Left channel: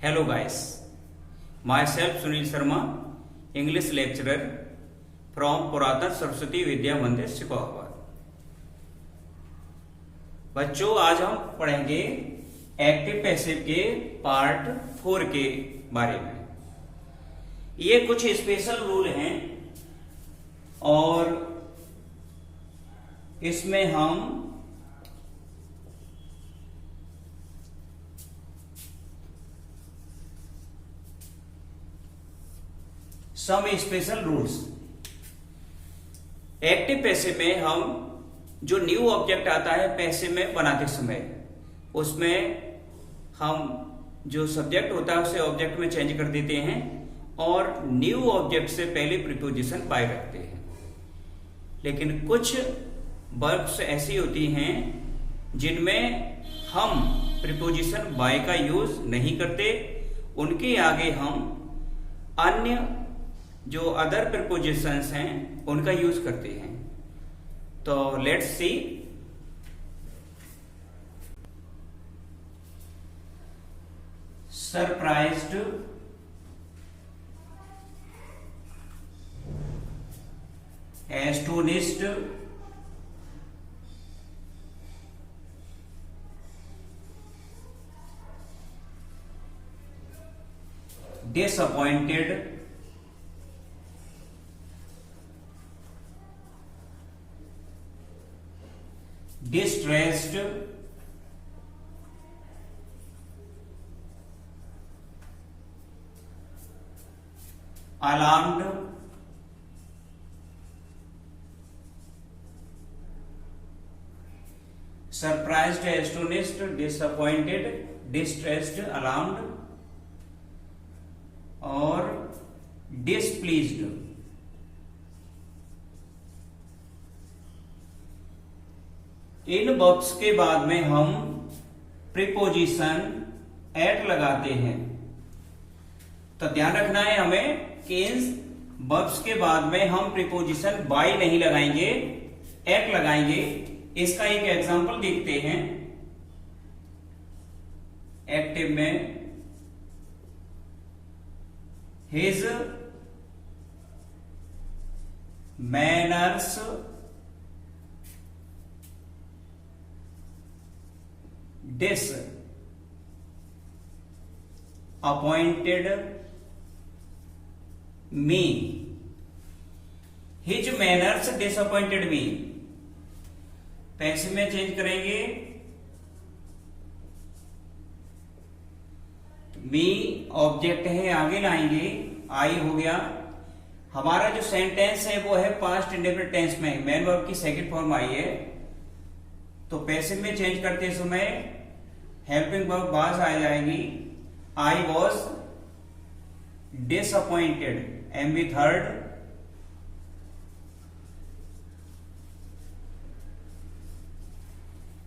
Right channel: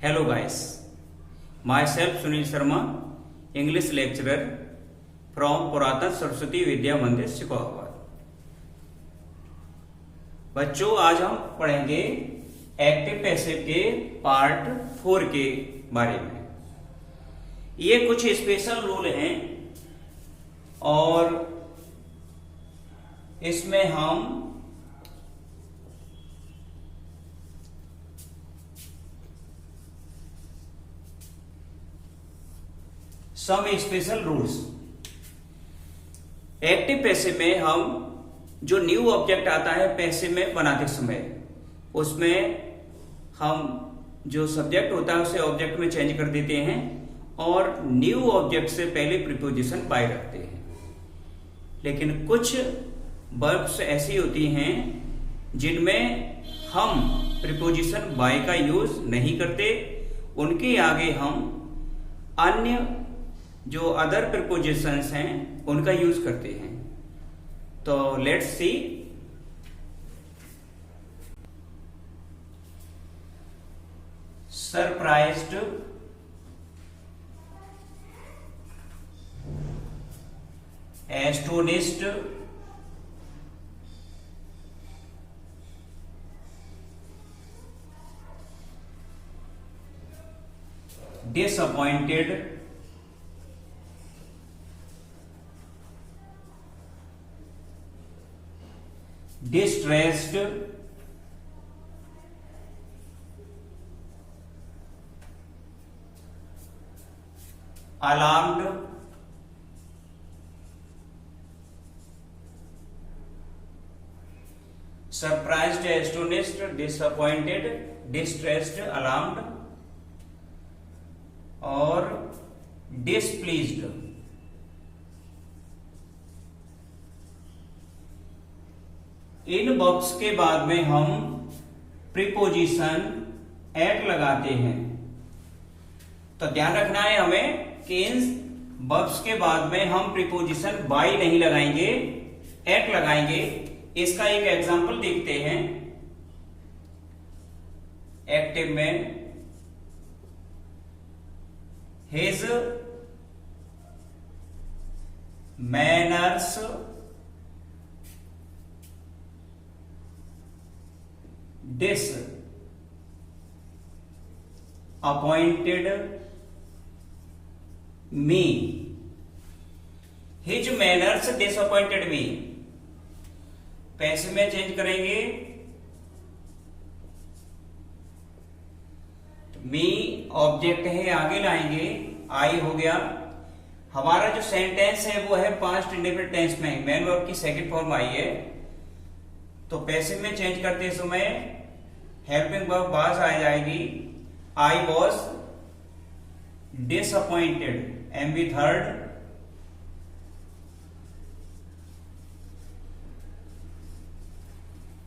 Hello guys, myself Sunil Sharma, English lecturer from पुरातन सरस्वती विद्या मंदिर शिकोहाबाद। बच्चों, आज हम पढ़ेंगे एक्टिव पैसिव के पार्ट 4 के बारे में। ये कुछ स्पेशल रूल हैं और इसमें हम some special rules. Active passive में हम जो न्यू ऑब्जेक्ट आता है पैसिव में बनाते समय, उसमें हम जो सब्जेक्ट होता है उसे ऑब्जेक्ट में चेंज कर देते हैं और न्यू ऑब्जेक्ट से पहले प्रीपोजिशन बाय रखते हैं। लेकिन कुछ वर्ब्स ऐसी होती हैं जिनमें हम प्रीपोजिशन बाय का यूज नहीं करते, उनके आगे हम अन्य जो अदर प्रीपोजिशंस हैं उनका यूज करते हैं। तो let's see. Surprised, astonished, disappointed, distressed, alarmed, surprised, astonished, disappointed, distressed, alarmed और displeased। इन वर्ब्स के बाद में हम प्रीपोजिशन एट लगाते हैं। तो ध्यान रखना है हमें कि इन वर्ब्स के बाद में हम प्रीपोजिशन बाय नहीं लगाएंगे, एट लगाएंगे। इसका एक एग्जांपल देखते हैं। एक्टिव में his manners, disappointed me, his manners disappointed me। Passive में चेंज करेंगे, मी ऑब्जेक्ट है, आगे लाएंगे, आई हो गया। हमारा जो सेंटेंस है वो है पास्ट इंडेफिनिट टेंस में, मेन वर्ब की सेकंड फॉर्म आई है। तो पैसिव में चेंज करते समय हेल्पिंग वर्ब वाज आ जाएगी। I was disappointed, am be third.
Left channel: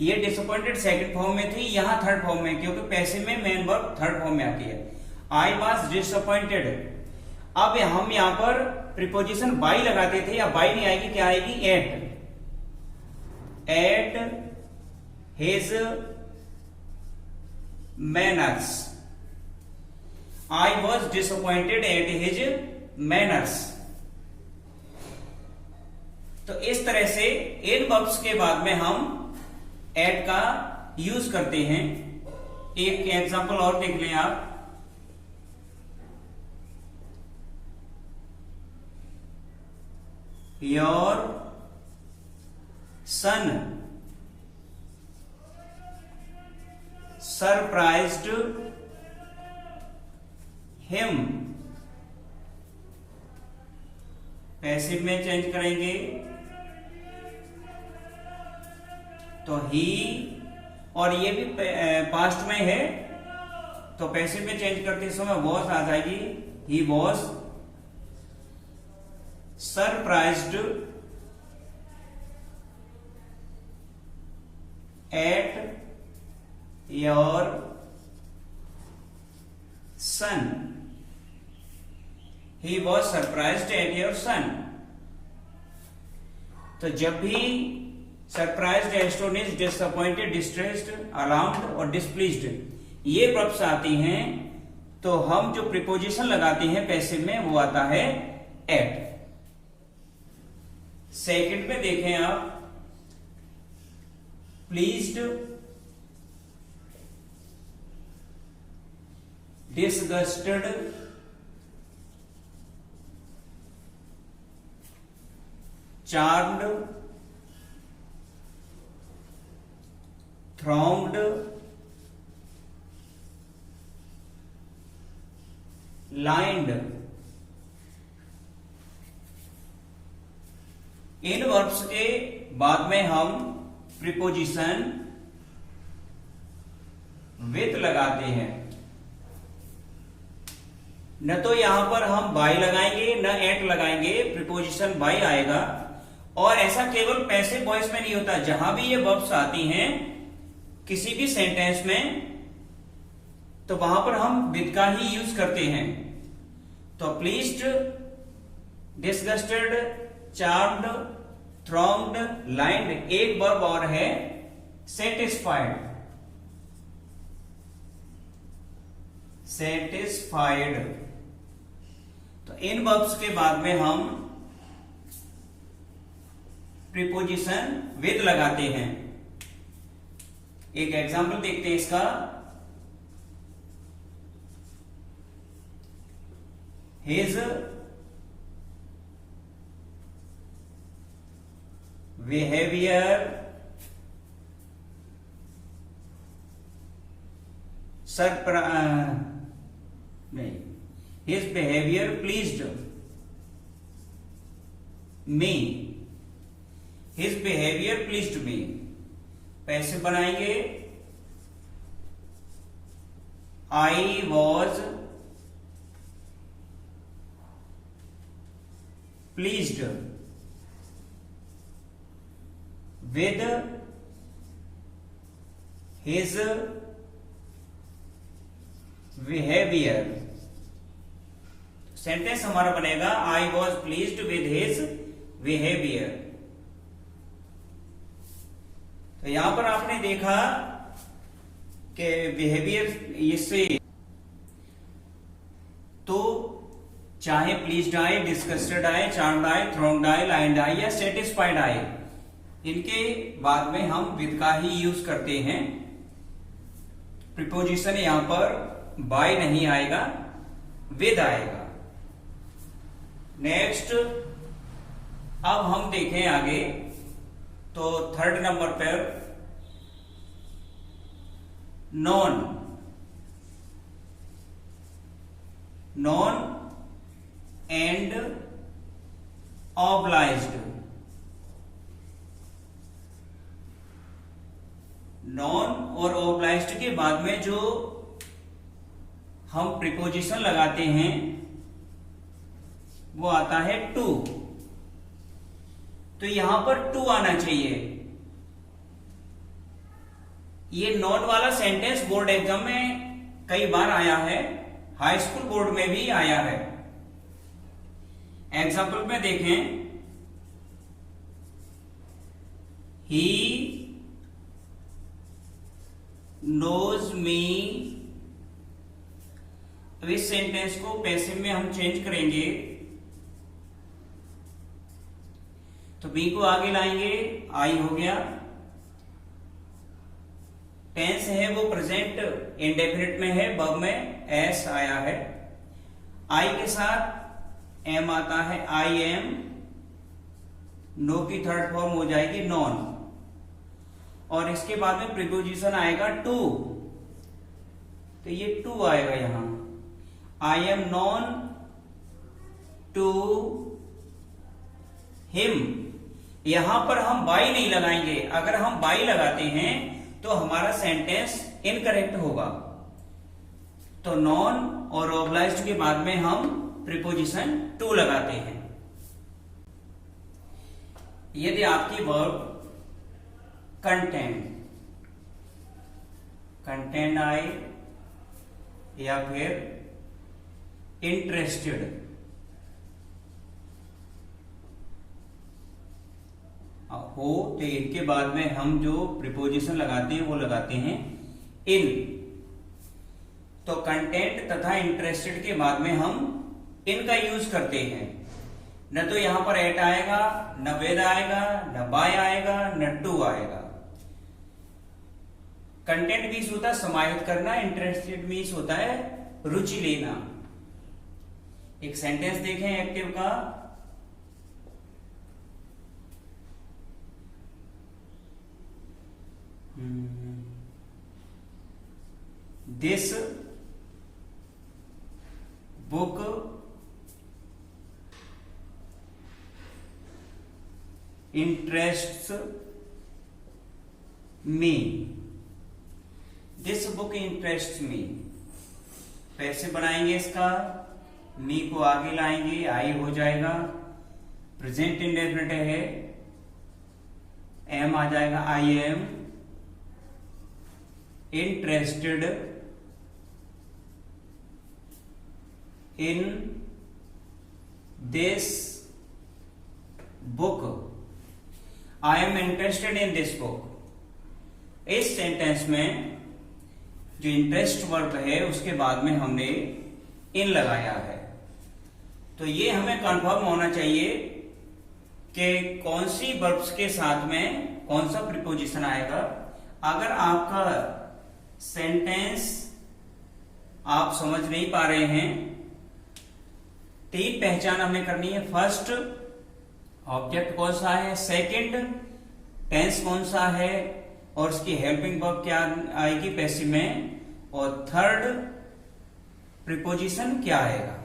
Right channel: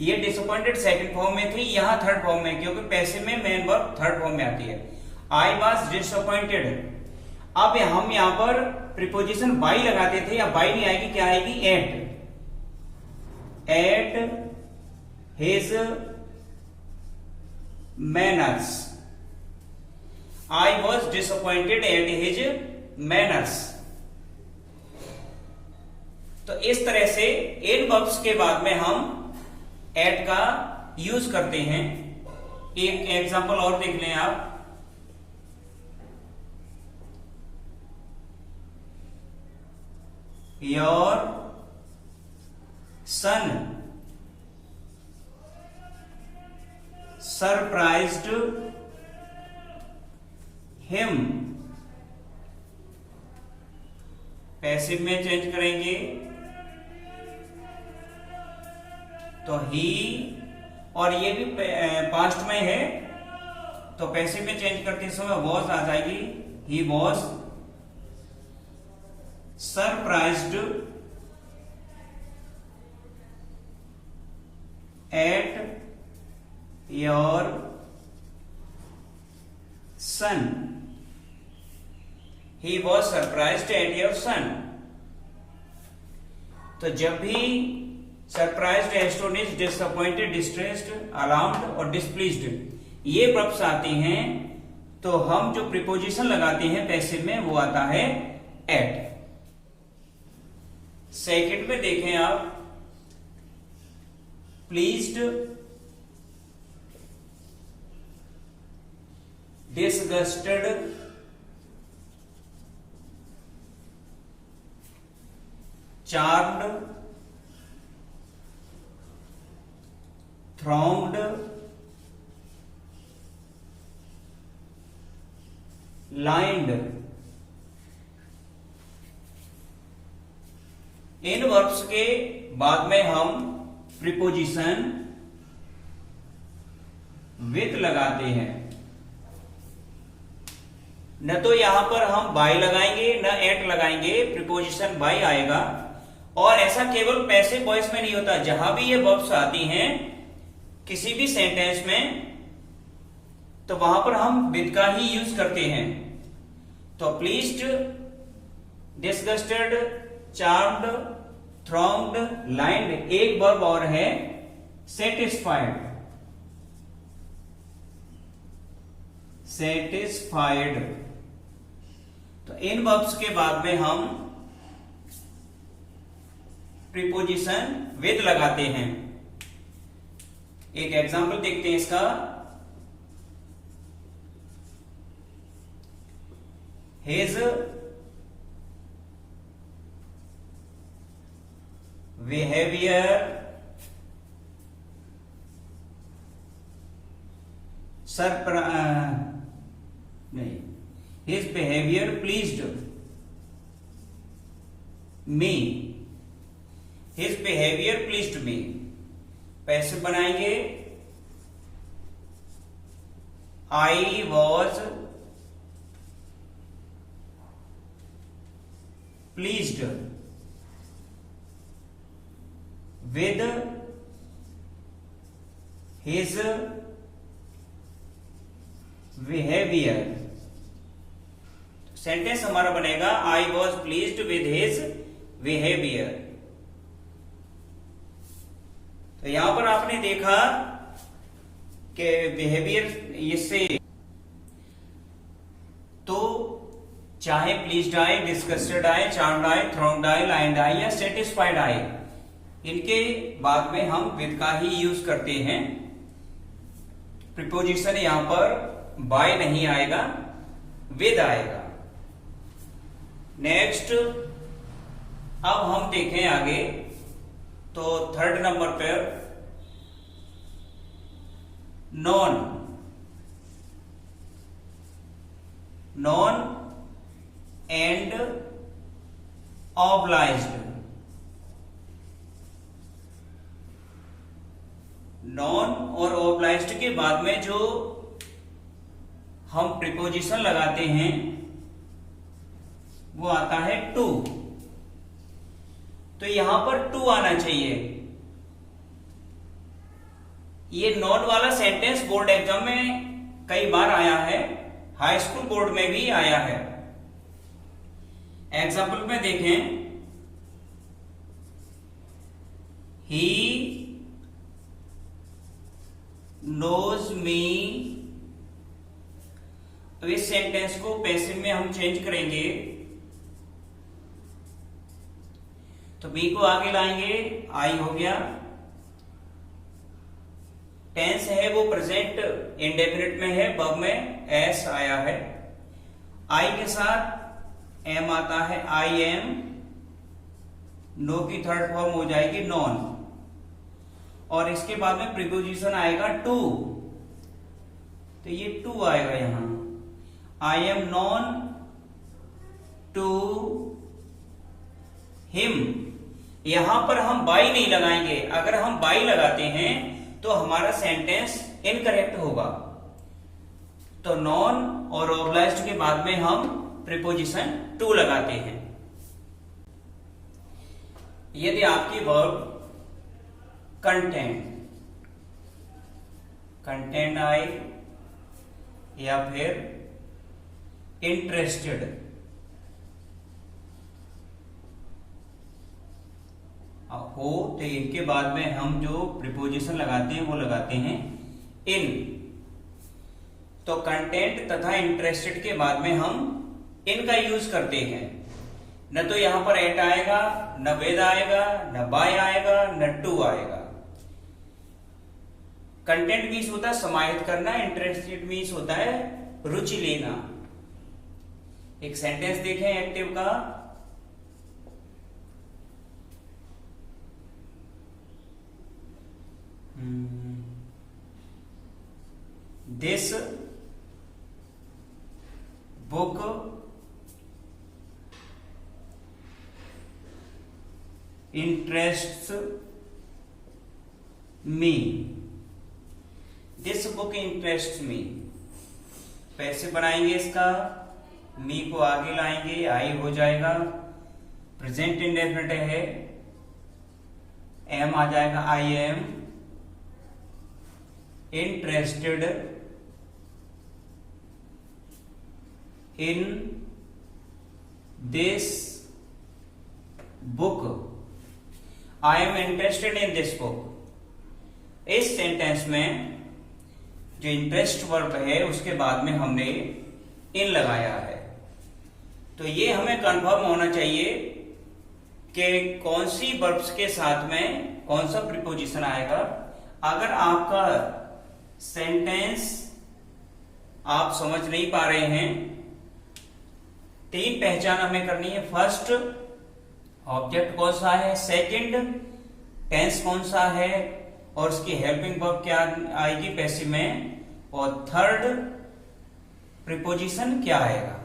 ये डिसअपॉइंटेड सेकंड फॉर्म में थी, यहां थर्ड फॉर्म में, क्योंकि पैसिव में मेन वर्ब थर्ड फॉर्म में आती है। आई वॉज डिसअपॉइंटेड। अब हम यहां पर प्रीपोजिशन बाई लगाते थे, या बाई नहीं आएगी, क्या आएगी? At his manners. I was disappointed at his manners. तो इस तरह से इन वर्ब्स के बाद में हम एट का यूज करते हैं। एक एग्जांपल और देख लें आप। Your son surprised him. Passive में चेंज करेंगे तो ही, और ये भी पास्ट में है तो पैसिव में चेंज करते समय वॉज आ जाएगी। He was surprised at your son. He was surprised at your son. तो जब भी surprised, astonished, disappointed, distressed, alarmed और डिस्प्लीज्ड ये वर्ब्स आती हैं तो हम जो प्रीपोजिशन लगाते हैं पैसिव में वो आता है एट। सेकंड में देखें आप, pleased, disgusted, charmed, thronged, lined। इन वर्ब्स के बाद में हम प्रीपोजिशन विद लगाते हैं। न तो यहां पर हम बाय लगाएंगे न एट लगाएंगे, प्रीपोजिशन बाय आएगा। और ऐसा केवल पैसिव वॉइस में नहीं होता, जहां भी ये वर्ब्स आती हैं किसी भी सेंटेंस में, तो वहां पर हम विद का ही यूज करते हैं। तो pleased, disgusted, charmed, thronged, lined. एक वर्ब और है सेटिस्फाइड। सेटिस्फाइड। तो इन वर्ब्स के बाद में हम प्रीपोजिशन विद लगाते हैं। एक एग्जांपल देखते हैं इसका। हिज बिहेवियर नहीं, हिज बिहेवियर प्लीज्ड मी। हिज बिहेवियर प्लीज्ड मी। पैसिव बनाएंगे, I was pleased with his behaviour. Sentence हमारा बनेगा I was pleased with his behaviour. तो यहां पर आपने देखा कि बिहेवियर इससे तो चाहे प्लीज्ड आए, डिस्कस्टेड आए, चार्म्ड आए, थ्रॉन्ग्ड आए, लाइन्ड आए या सेटिस्फाइड आए, इनके बाद में हम विद का ही यूज करते हैं। प्रीपोजिशन यहां पर बाय नहीं आएगा, विद आएगा। नेक्स्ट अब हम देखें आगे, तो थर्ड नंबर पर non. Non and obliged. Non और ऑब्लाइज्ड के बाद में जो हम प्रीपोजिशन लगाते हैं वो आता है टू। तो यहां पर टू आना चाहिए। ये नॉन वाला सेंटेंस बोर्ड एग्जाम में कई बार आया है, हाई स्कूल बोर्ड में भी आया है। एग्जाम्पल में देखें, ही नोज मी। तो इस सेंटेंस को पैसिव में हम चेंज करेंगे, तो बी को आगे लाएंगे, आई हो गया। टेंस है वो प्रेजेंट इंडेफिनिट में है, वर्ब में एस आया है। आई के साथ एम आता है, आई एम। नो की थर्ड फॉर्म हो जाएगी नॉन, और इसके बाद में प्रीपोजिशन आएगा टू। तो ये टू आएगा यहां, I am known to him. यहां पर हम बाई नहीं लगाएंगे। अगर हम बाई लगाते हैं तो हमारा सेंटेंस इनकरेक्ट होगा। तो नॉन और ऑब्लाइज्ड के बाद में हम प्रीपोजिशन टू लगाते हैं। यदि आपकी वर्ब कंटेंट आए या फिर इंटरेस्टेड हो, तो इनके बाद में हम जो प्रीपोजिशन लगाते हैं वो लगाते हैं इन। तो कंटेंट तथा इंटरेस्टेड के बाद में हम इनका यूज करते हैं। न तो यहां पर एट आएगा, न विद आएगा, न बाय आएगा, न टू आएगा। कंटेंट मीन्स होता है समाहित करना, इंटरेस्टेड मीन्स होता है रुचि लेना। एक सेंटेंस देखें एक्टिव का, this book interests me, this book interest me. कैसे बनाएंगे इसका, मी को आगे लाएंगे, आई हो जाएगा, प्रेजेंट इंडेफिनिट है, एम आ जाएगा, I am interested in this book, I am interested in this book. इस सेंटेंस में जो इंटरेस्ट वर्ब है उसके बाद में हमने इन लगाया है। तो ये हमें कंफर्म होना चाहिए कि कौन सी वर्ब्स के साथ में कौन सा प्रीपोजिशन आएगा। अगर आपका सेंटेंस आप समझ नहीं पा रहे हैं, तीन पहचान हमें करनी है। फर्स्ट, ऑब्जेक्ट कौन सा है, सेकंड, टेंस कौन सा है और उसकी हेल्पिंग वर्ब क्या आएगी पैसिव में, और थर्ड प्रीपोजिशन क्या आएगा,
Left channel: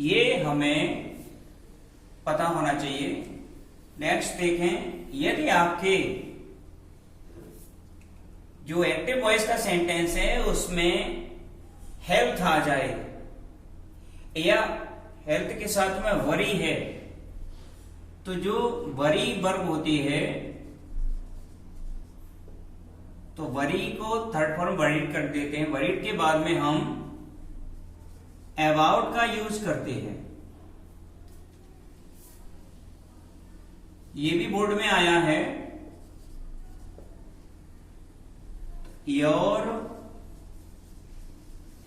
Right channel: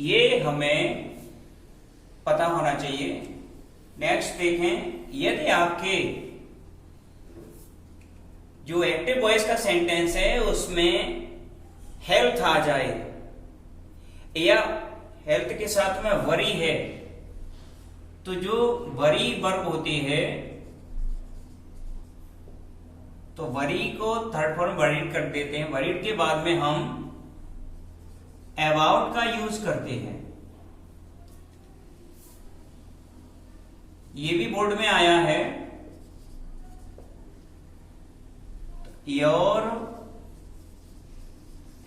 ये हमें पता होना चाहिए। नेक्स्ट देखें, यदि आपके जो एक्टिव वॉइस का सेंटेंस है उसमें हेल्थ आ जाए या हेल्थ के साथ में वरी है, तो जो वरी वर्ब होती है तो वरी को थर्ड फॉर्म वरीड कर देते हैं। वरीड के बाद में हम अबाउट का यूज करते हैं। ये भी बोर्ड में आया है, your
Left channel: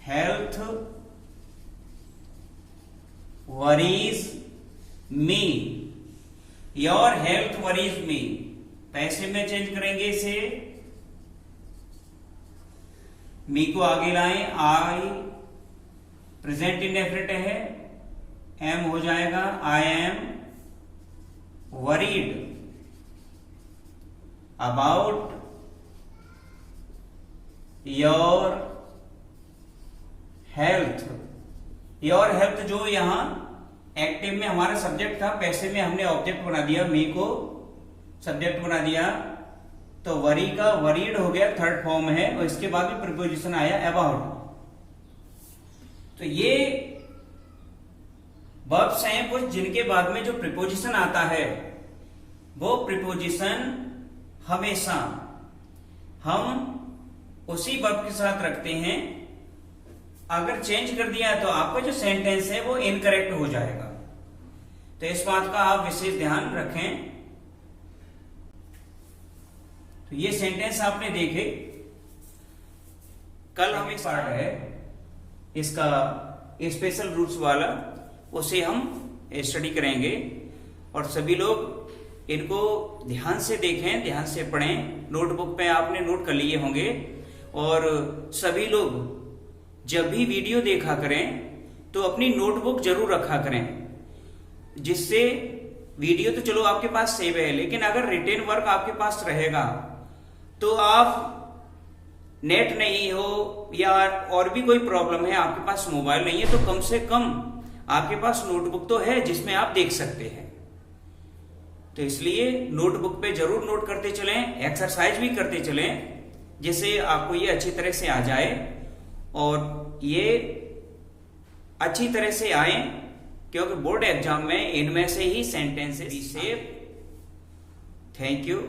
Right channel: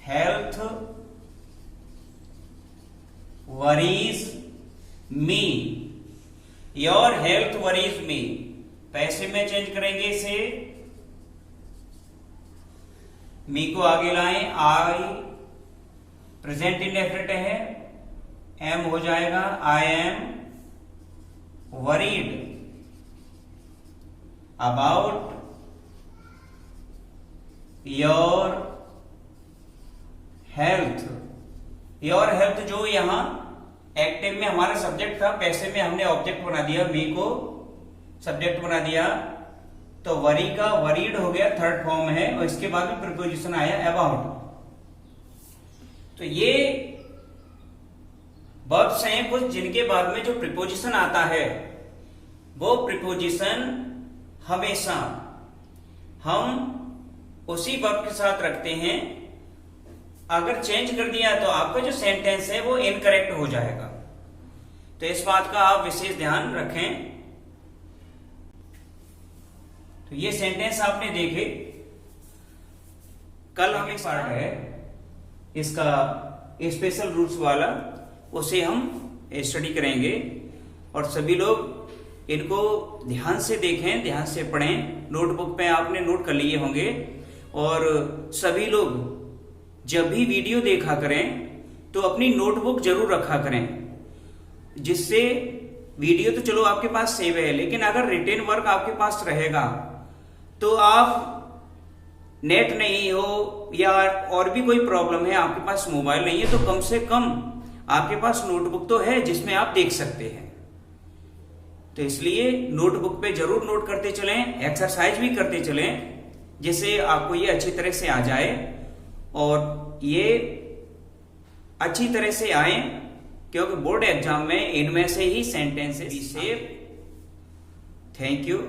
health worries me, your health worries me. पैसे में चेंज करेंगे इसे, मी को आगे लाएं, आई प्रेजेंट इंडेफिनिट है, एम हो जाएगा, I am worried about your health. Your health जो यहां एक्टिव में हमारा सब्जेक्ट था, पैसे में हमने ऑब्जेक्ट बना दिया, मी को सब्जेक्ट बना दिया, तो वरी का वरीड हो गया, थर्ड फॉर्म है, और इसके बाद में प्रीपोजिशन आया अबाउट। तो ये वर्ब्स हैं कुछ जिनके बाद में जो प्रीपोजिशन आता है वो प्रीपोजिशन हमेशा हम उसी वर्ब के साथ रखते हैं। अगर चेंज कर दिया तो आपका जो सेंटेंस है वो इनकरेक्ट हो जाएगा। तो इस बात का आप विशेष ध्यान रखें। तो ये सेंटेंस आपने देखे, कल हम एक पार्ट है इसका स्पेशल रूल्स वाला, उसे हम स्टडी करेंगे और सभी लोग इनको ध्यान से देखें, ध्यान से पढ़ें। नोटबुक पे आपने नोट कर लिए होंगे और सभी लोग जब भी वीडियो देखा करें तो अपनी नोटबुक जरूर रखा करें, जिससे वीडियो तो चलो आपके पास सेव है, लेकिन अगर रिटेन वर्क आपके पास रहेगा तो आप नेट नहीं हो या और भी कोई प्रॉब्लम है, आपके पास मोबाइल नहीं है, तो कम से कम आपके पास नोटबुक तो है जिसमें आप देख सकते हैं। तो इसलिए नोटबुक पे जरूर नोट करते चलें, एक्सरसाइज भी करते चलें, जिससे आपको ये अच्छी तरह से आ जाए और ये अच्छी तरह से आए, क्योंकि बोर्ड एग्जाम में इनमें से ही सेंटेंसेस। Thank you.